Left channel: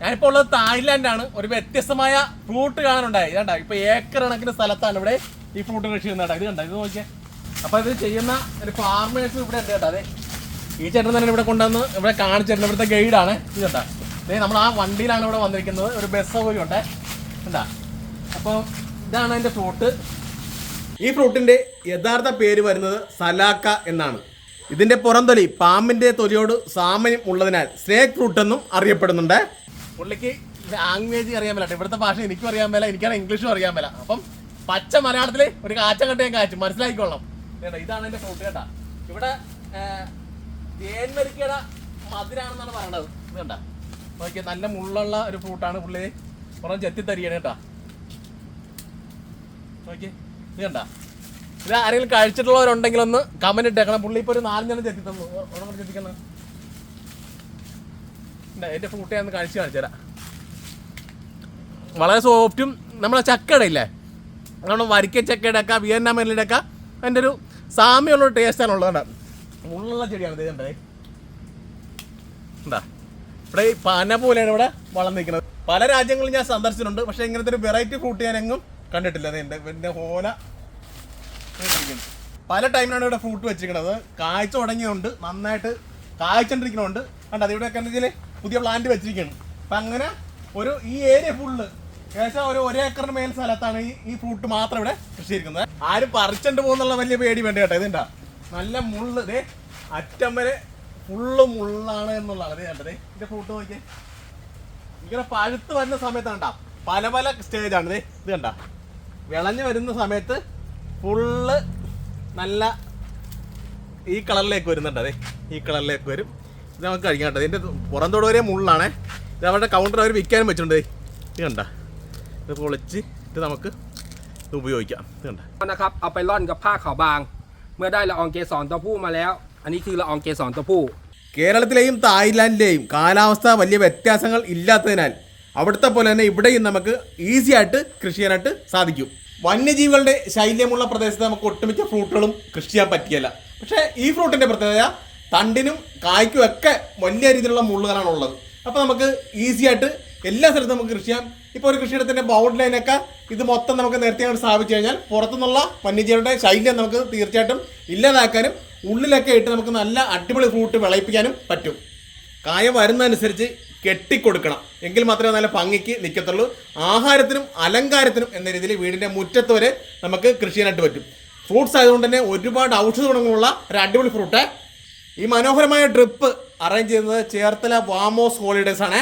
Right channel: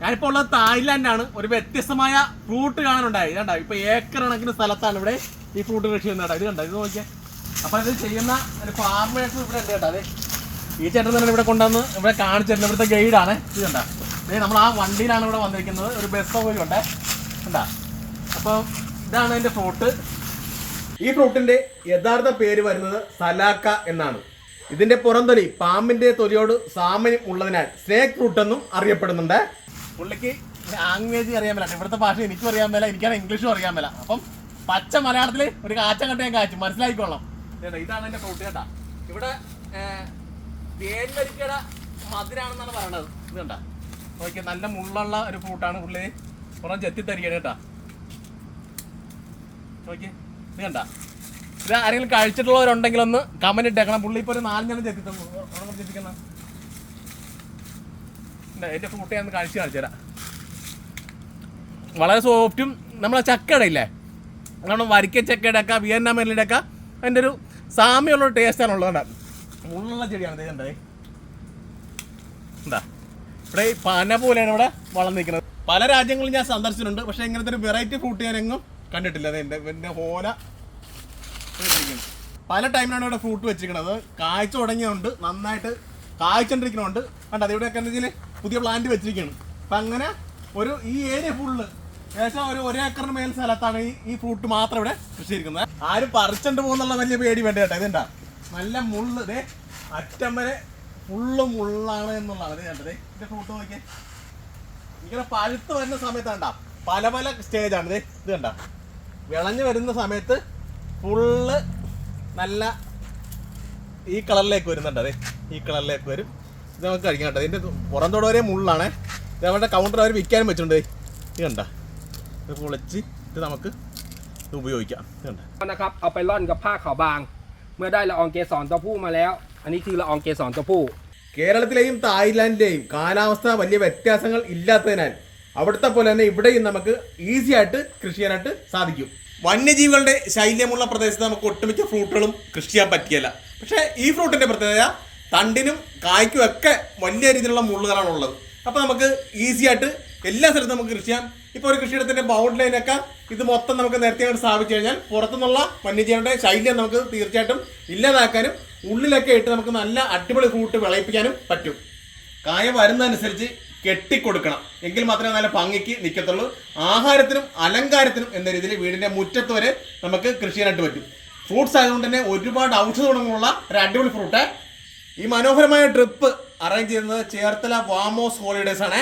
ഞാനിപ്പോൾ ഉള്ളത് തായ്ലാന്റാണ് ഒരു വ്യത്യസ്തമായ ഫ്രൂട്ട് കാണാനുണ്ടായി. ഇതാണ്ടാ ഇപ്പൊ ഏക്കർ കണക്കിന് സ്ഥലത്താണ് ഇവിടെ ഈ ഫ്രൂട്ട് കൃഷി ചെയ്യുന്നത്. ഇത് കണ്ടോ? ഇത് നോക്കിയേ. അപ്പൊ ഇത് ചെയ്യുന്ന ഒരു ഫാർമേഴ്സ് ഇവിടെ ഉണ്ട് കേട്ടോ. അതെ ഈ ചേട്ടൻ തന്നെ ഇവിടെ കൊണ്ടുവന്ന് ഇവിടെ കാണിച്ചിട്ടുണ്ട് ഇവിടുത്തെ ഗൈഡാണ് ഇത് കണ്ട? അതെ നമ്മൾ ആ വണ്ടിയിലാണ് ഇവിടെ വന്നിരിക്കുന്നത്. ഒരു ബസ് സൗകര്യം ഉണ്ട്. കണ്ടാ? അപ്പൊ ഇതാണ് എന്റെ ഫ്രൂട്ട് ഈ ഫ്രൂട്ടിന്റെ യഥാർത്ഥ പേര് വരുന്നത് സലാക്ക എന്നാണ്. ഇതിന്റെ പുറംതൊലി പാമ്പിന്റെ തൊലിയോട് സാമ്യം ഉള്ളതിനാൽ സ്നേക്ക് ഫ്രൂട്ട് എന്നും അറിയപ്പെടുന്നുണ്ട്. പുള്ളിക്ക് ലാംഗ്വേജ് അറിയാൻ മേല ഇവിടുത്തെ ഭാഷ എനിക്കും അറിയാൻ മേല എനിക്കാണ് ഇംഗ്ലീഷും അറിയാൻ മേല. അപ്പം പച്ച മലയാളത്തിൽ ഒരു കാച്ച കണ്ട ഞാൻ കാച്ചു മനസ്സിലാക്കിക്കൊള്ളാം ഇതാണ് എന്റെ ഫ്രൂട്ട് കേട്ടാ. ഇവിടെ തേൻവരിക്കയുടെ മധുരാണെന്നാണ് പറയണത്. ഇത് ഓക്കെ നല്ല മുള്ളുള്ള ഒരു ഫ്രൂട്ടാണ് പുള്ളി. കുറച്ച് ചെത്തി തരികയാണ് കേട്ടാ. ഓക്കെ ഇത് കണ്ട? ഇത് ആരെങ്കിലും കഴിച്ചിട്ടുള്ളവരുണ്ടെങ്കിൽ ഒന്ന് കമന്റ് ഇട്ടേക്കണം. പുള്ളി ഇപ്പൊ ഒരു നാലഞ്ചെണ്ണം ചെത്തി തന്നു ഒരെണ്ണം എന്റെ ഫ്രൂട്ട് ഞാൻ കാണിച്ചു തരാം വളരെ സോഫ്റ്റും നമ്മളെ ചക്കയുടെ ഇല്ലേ നമ്മുടെ വരിക്ക ചക്കയുടെ ഒക്കെ വിയറ്റ്നാം മെല്ലിന്റെ ഒക്കെ അതിന്റെ ഒരു സാമ്യമുള്ള ടേസ്റ്റാണ് ഉള്ളത് ഉള്ള ചെടിയാണ് ഇതേ എന്താ ഇവിടെ ഈ പന പോലെയാണ് ഇവിടെ വളർന്നിരിക്കുന്നത് പല രാജ്യങ്ങളും ഞാൻ സന്ദർശിച്ചിട്ടുണ്ട് പക്ഷേ ഇങ്ങനത്തെ ഒരു വെറൈറ്റി ഫ്രൂട്ട് ഞാൻ എങ്ങും കണ്ടിട്ടില്ല. എന്റെ എന്റെ ഹോല പല ടൈമിലാണ് ഇവിടെ ഫ്രൂട്ട് വെച്ചിരിക്കുന്നത്. കായ്ച്ച തുടങ്ങിയുണ്ട് നന്നായിട്ട് കായ്ച്ചോണ്ടിരിക്കുന്നുണ്ട്. കണ്ടത് ഇവിടെയൊക്കെ എന്താ പുതിയ പ്ലാന്റ് വെച്ചിരിക്കുകയാണ് അപ്പം അങ്ങനെ ഒരു ഈ ഏരിയ ഫുള്ള് ഏകദേശം ഒരു ഒരേക്കറിന് മേൽ സ്ഥലത്താണ് ഈ ഈ ഫ്രൂട്ട് മാത്രം ഇവിടെ കൃഷി ഇരിക്കുന്നത് ആരും പറിച്ചിട്ട് പോകുന്നുള്ള വലിയ പേടി വേണ്ട കേട്ടോ ഇതെന്താ നല്ല മുള്ള് ഇതേ അറ്റം വരെ ഫുള്ള് മുള്ളാണ് എന്നുള്ളതാണ് അതെ കണ്ടത് ഇതിന്റെ ഫ്രൂട്ട് നോക്കിയാൽ ഇങ്ങനെ പഴുത്ത് വരുന്ന സമയത്ത് കണ്ട പല പല സ്റ്റേജ് ആണ് ഇത് ഇത് കണ്ട. വിളഞ്ഞു വരുന്ന സമയത്ത് ഫുള്ള് നല്ല ഈ കളറിലേക്ക് വരുന്നുണ്ട് അതെ ഈ കളറിലേക്ക് വരും. ഇത് നമുക്ക് കഴിക്കാം കേട്ടോ ഇതിൻ്റെ പുറം തൊട വരെ മുള്ളാണേ ഇത് അവരുടെ കൗണ്ടർ അവർ വിൽക്കാനും വെച്ചിട്ടുണ്ട് ദേ. ഇത് കണ്ട ഇത് പൊളിച്ച് ഇത് നമുക്ക് ഇത് ഉപയോഗിക്കാം ഇത് കണ്ട นะครับเอาไปร่อนกับผ้าขาวบาง เมื่อได้ละอองเกสรตัวผู้มาแล้ว อันนี้คือละอองเกสรตัวผู้ കേരളത്തിലെയും തായ്ലാൻഡിലെയും കാലാവസ്ഥ വലിയ വ്യത്യാസങ്ങൾ ഇല്ലാത്തതിനാൽ അവിടുത്തെ പോലെ തന്നെ ഇവിടെയും നമുക്ക് ഈസി ആയിട്ട് കൃഷി ചെയ്യാനായിട്ട് സാധിക്കും വന്യജീവികളുടെ ശൈല്യമുള്ള പ്രദേശത്ത് നമുക്ക് ഒട്ടുമിക്ക ഫ്രൂട്ടുകളും കൃഷി ചെയ്യാൻ പറ്റിയല്ല പക്ഷേ ഈ ഫ്രൂട്ടിന്റെ പ്രത്യേകത തണ്ടിനും കായ്ക്കും ഒക്കെ വലിയ രീതിയിലുള്ള മുള്ളുകളാണ് ഉള്ളത്. അപ്പോൾ നമുക്ക് ഈസി ആയിട്ട് എല്ലാ സ്ഥലത്തും നമുക്ക് കൃഷി ചെയ്യാം. ഇപ്പോൾ ഒരു കൃഷിയിടത്തിന്റെ ബൗണ്ട് ലൈനൊക്കെ ഇത് മൊത്തം നമുക്ക് നേരത്തെ അവർ സ്ഥാപിച്ചു കഴിഞ്ഞാൽ പുറത്തുനിന്നുള്ള വന്യജീവികളുടെ ശൈല്യം നമുക്ക് തീർച്ചയായിട്ടും ഇല്ലാതാക്കാനും ഉള്ളിലൊക്കെ ഇട്ട് നമുക്ക് നല്ല അടിപൊളി ഫ്രൂട്ട് വിളയിപ്പിക്കാനും പറ്റും. കായ വരുന്നതനുസരിച്ച് കെട്ടിക്കൊടുക്കണം. എങ്കിൽ മാത്രമേ നല്ല ഭംഗിക്ക് നിൽക്കത്തുള്ളൂ ആഹാരത്തിനും അലങ്കാരത്തിനും എന്ന രീതിയിൽ വീടിന്റെ മുറ്റത്ത് വരെ നമുക്ക് കൃഷി ചെയ്യാനായിട്ട് പറ്റും. ഫ്രൂട്ട്സ് ആയതുകൊണ്ട് തന്നെ ഒരുപാട് ഔഷധ ഗുണങ്ങളുള്ള ഒരു അടിപൊളി ഫ്രൂട്ട് ഈ മനോഹരമായ ട്രിപ്പ് അറേഞ്ച് ചെയ്യുന്നത് ചേർത്തല വാമോസ് ഹോളിഡേസ് ആണ്.